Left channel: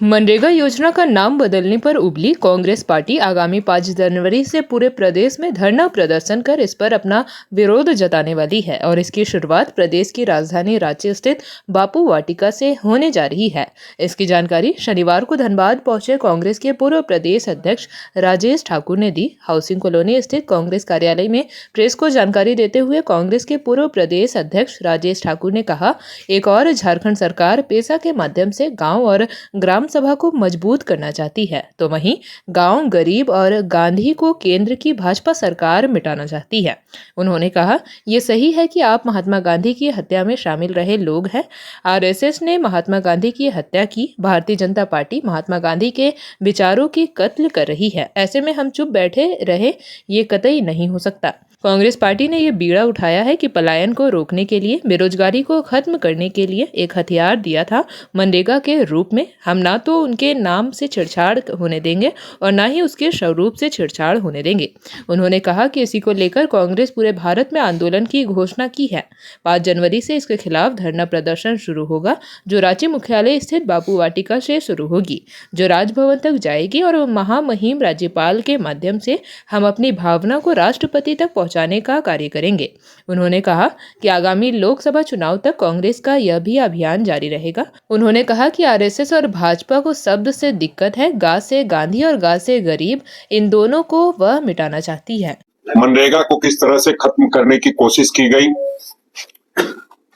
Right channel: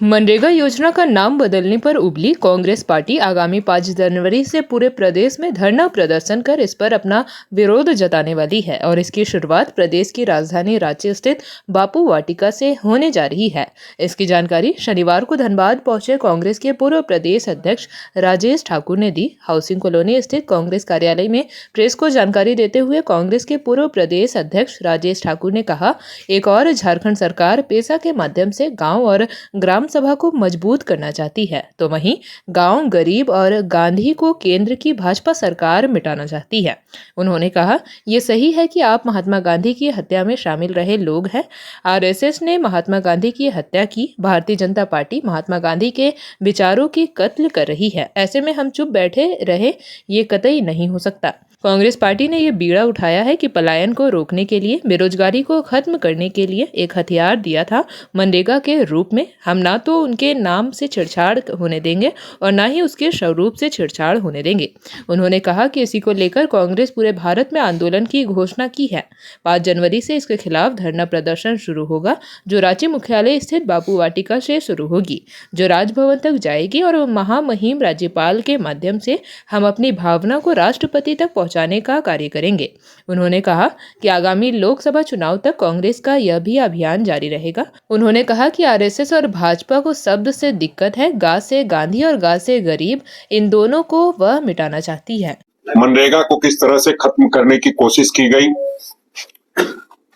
मनरेगा योजना का नाम बदलने पर उबली कांग्रेस पार्टी आगामी 5 जनवरी से पूरे प्रदेश में धरना प्रदर्शन कर इस पर अपना विरोध जताने वाली है और इसकी शुरुआत प्रदेश की राजधानी रांची स्थित बापू वाटिका से होने जा रही है। इसकी जानकारी शनिवार को धनबाद पहुंचे कांग्रेस के पूर्व प्रदेश अध्यक्ष राजेश ठाकुर ने दी। हाउसिंग कॉलोनी स्थित कांग्रेस कार्यालय में प्रेस को जानकारी देते हुए कांग्रेस के पूर्व प्रदेश अध्यक्ष राजेश ठाकुर ने कहा, एक और झारखंड सरकार पेशा के माध्यम से गाँव और ग्राम सभा को मजबूत करना चाहती है, तो वहीं गांव गरीब और गांधी को केंद्र की भाजपा सरकार मिटाना चाहती है। उन्होंने कहा, ये सही है कि आप महात्मा गांधी की हत्या में शामिल रहे लोग हैं। आरएसएस ने महात्मा गांधी की हत्या की, भारतीय जनता पार्टी महात्मा गांधी के विचारों की कत्ल कर रही है। ऐसे में हम चुप बैठे रहे, ये कतई नहीं हो सकता। कांग्रेस पार्टी ने ये बीड़ा उठाया है कि पलायन को रोकने के लिए, बेरोजगारी को खत्म करने के लिए एक हथियार दिया था मनरेगा के रूप में। हम ना तो उनके नाम से छेड़छाड़ होने देंगे और ना ही उसके स्वरूप से छेड़छाड़ होने देंगे। उन्होंने कहा कि इसी को लेकर कांग्रेस पूरे भारत में आंदोलन की घोषणा की है। 5 जनवरी से इसके खिलाफ धरना प्रदर्शन शुरू होगा, जो रांची मुख्यालय स्थित बापू वाटिका से शुरू होगी, जो राजभवन तक जाएगी और महामहिम राज्यपाल के माध्यम से हम अपनी भावना को राष्ट्रपति तक पहुंचाने का कार्य करेंगे। उन्होंने कहा कि आगामी लोकसभा चुनाव तक कांग्रेस का यह भी अभियान जारी रहेगा। उन्होंने कहा कि आरएसएस और भाजपा को शब्द से दिक्कत है, गा से गांधी और गा से गरीब, इन दोनों को वह मिटाना चाहती है। मनरेगा को किस तरह से खत्म करने की कोशिश की गई।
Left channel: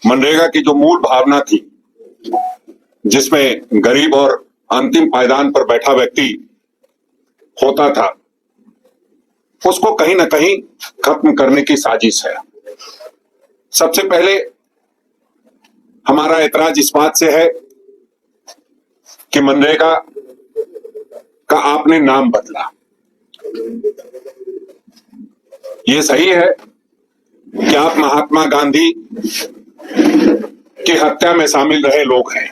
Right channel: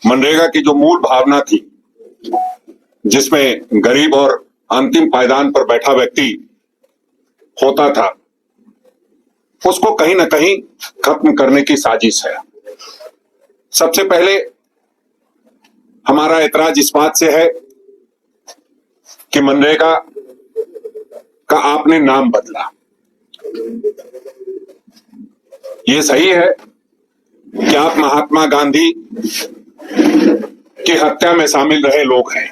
मनरेगा की जो मूल भावना थी, जिसमें गरीब और अंतिम पायदान पर बैठा व्यक्ति होता था, उसको कहीं ना कहीं खत्म करने की साजिश है। सबसे पहले हमारा ऐतराज इस बात से है कि मनरेगा का आपने नाम बदला। ये सही है कि आप महात्मा गांधी की हत्या में शामिल रहे लोग हैं।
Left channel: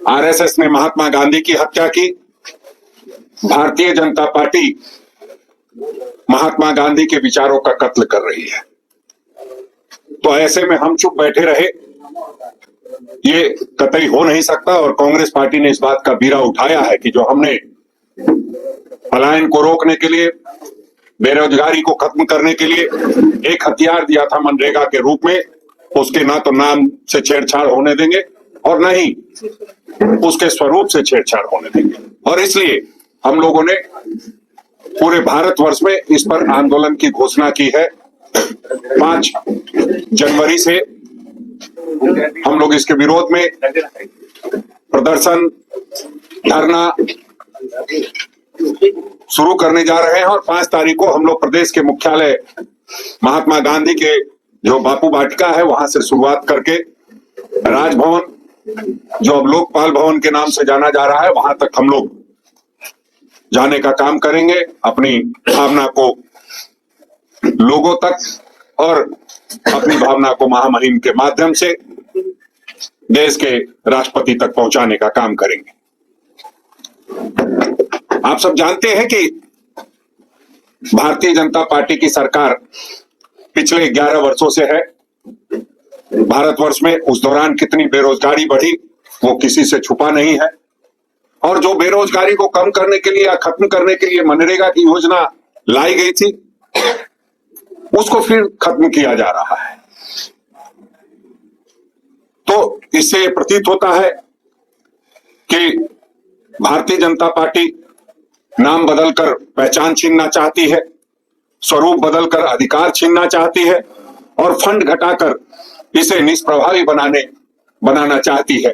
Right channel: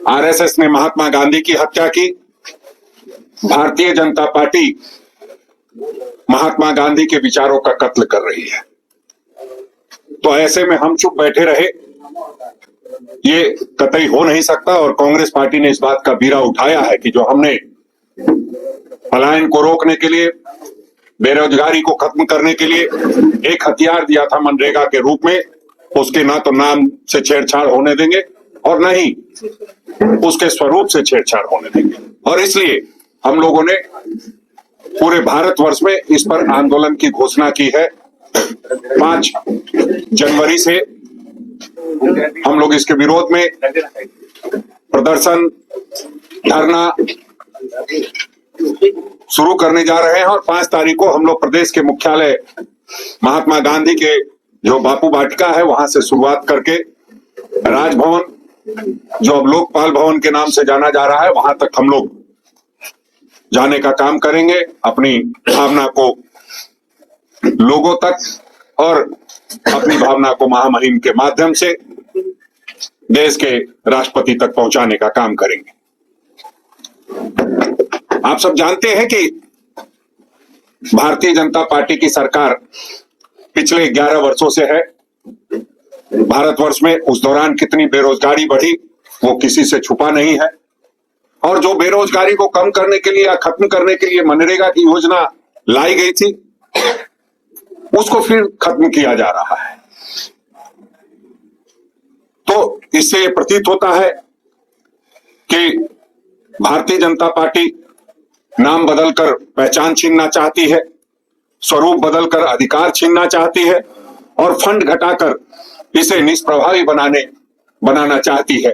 आरएसएस ने महात्मा गांधी की हत्या की, भारतीय जनता पार्टी महात्मा गांधी के विचारों का कत्ल कर रही है। तो ऐसे में हम चुप बैठे रहे, ये कतई हो नहीं सकता। और कांग्रेस पार्टी ने इस बात का बीड़ा उठाया है कि जो हमने पलायन को रोकने के लिए, बेरोजगारी को खत्म करने के लिए एक हथियार दिया था मनरेगा के रूप में, उसके ना तो नाम से छेड़छाड़ होने देंगे और ना ही उसके स्वरूप से छेड़छाड़ होने देंगे। और इसलिए हम लोगों ने पूरे भारतवर्ष में इस पर आंदोलन की घोषणा की है। 5 जनवरी से हम लोग इसके विरोध में प्रदर्शन, धरना शुरू करने जा रहे हैं और 5 तारीख को हम लोग प्रदेश के मुख्यालय महात्मा गांधी के जो बापू वाटिका है, वहां से शुरुआत करके राजभवन, जो अब लोकपाल भवन के नाम से जाना जा रहा है, वहां तक हम लोग जाने का काम करेंगे। अपनी भावना को लोगों तक और अपनी भावना को महामहिम के माध्यम से देश के राष्ट्रपति तक पहुंचाने का काम करेंगे। आप सब जानते हैं कि भारतीय जनता पार्टी की सरकार पिछले 11 वर्षों से है। भारतवर्ष में उस दौरान कितनी बेरोजगारी बढ़ी, वो किसी से छुपा नहीं है। और जो बेरोजगारी को कम करने के लिए या खत्म करने के लिए मनरेगा की योजना लाई गई थी, उसको फिर खत्म किया जा रहा है। तो इससे प्रतीत होता है कि भारतीय जनता पार्टी नाम बदलकर पहचान छीनना चाहती है, स्वरूप बदलकर अधिकार छीनना चाहती है और फंड घटाकर इसे निष्प्रभावी बनाना चाहती है,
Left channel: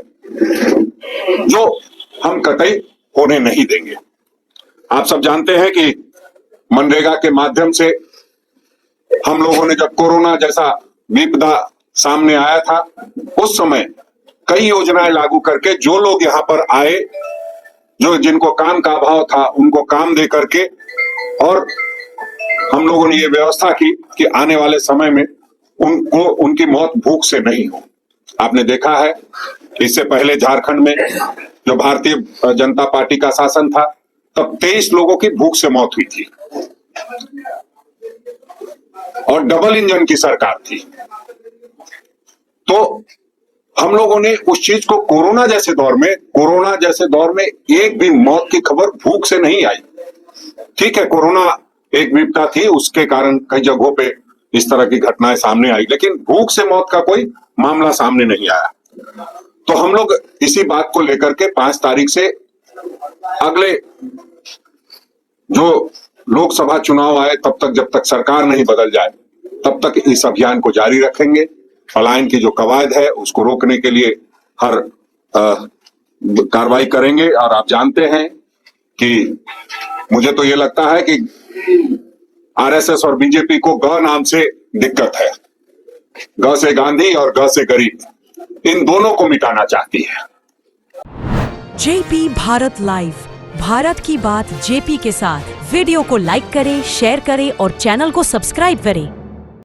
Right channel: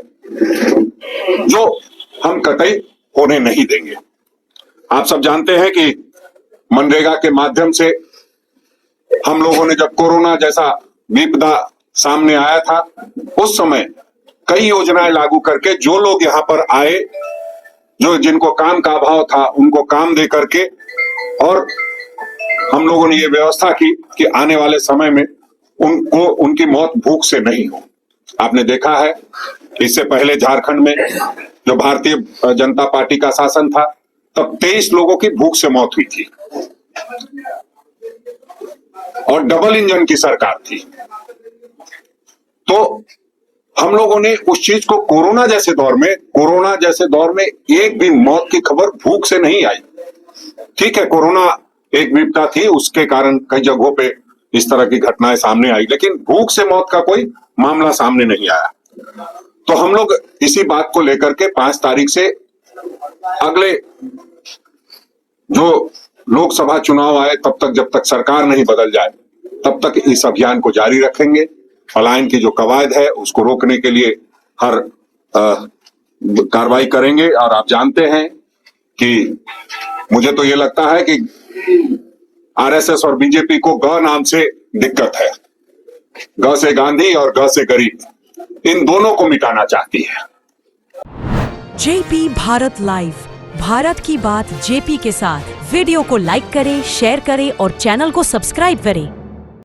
जो हम कतई होने नहीं देंगे। आप सब जानते हैं कि मनरेगा के माध्यम से हम लोगों ने, जब कोरोना जैसा विपदा सामने आया था, उस समय कई योजनाएं लागू करके जो लोग यहाँ पर आए, जो जिनको काम का अभाव था, उनको काम दे करके, और हम लोगों ने ये व्यवस्था की कि आने वाले समय में उनकी मौत भूख से नहीं हो। आपने देखा है, इससे पहले झारखंड में जो भारतीय जनता पार्टी का शासन था, तब 23 लोगों की भूख से मौत हुई थी और डबल इंजन की सरकार थी। तो हम लोगों ने उस चीज को कोरोना जैसे दौर में एक भी मौत की खबर भूख से नहीं आई। ठीक है, कोरोना एक विपदा थी, उसके कारण कई जगहों पे इस तरह की घटनाएं सामने आई, लेकिन भूख से मौत का कोई मामला सामने नहीं आया। तो हम लोग इसी बात को लेकर के 5 तारीख से अगले जो लोकसभा चुनाव आए तब तक, जब तक सरकार नहीं बदल जाए तब तक इस अभियान को जारी रखेंगे। पलायन की जो कवायद है उसको रोकने के लिए हर कार्रवाई करेंगे। और आप जानते हैं कि मुझे तो ये लगता है कि आरएसएस और बीजेपी को ग नाम से दिक्कत है। ग से गांधी और ग से गरीब, इन दोनों को मिटाना चाहती है। जेपी भारत लाइव, भारत की बात जेपी के साथ। वीडियो को लाइक करें, शेयर करें और चैनल को सब्सक्राइब करें।